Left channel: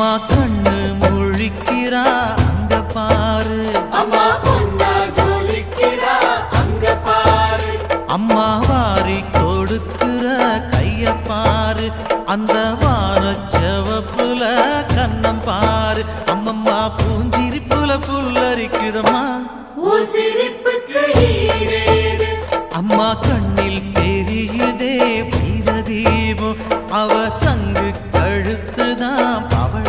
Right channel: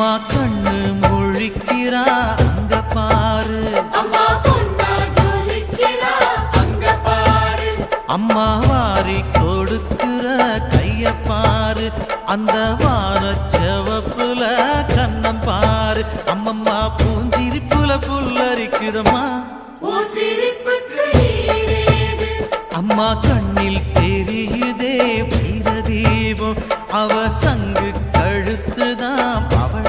அம்மா கண்ணு முழிக்கிறா அங்க பாரு, அம்மா வாரி கொடுக்கிற கைய பாரு, அந்த வானச்சவப்புல கண்ணம் பாரு, அம்மம்மா பூஞ்சிரிப்புல புல்லரிக்குதம்மா, அம்மா கண்ணில் தெரியுதே வீரதீபம், அவ சங்கு கழுத்துதான் பவள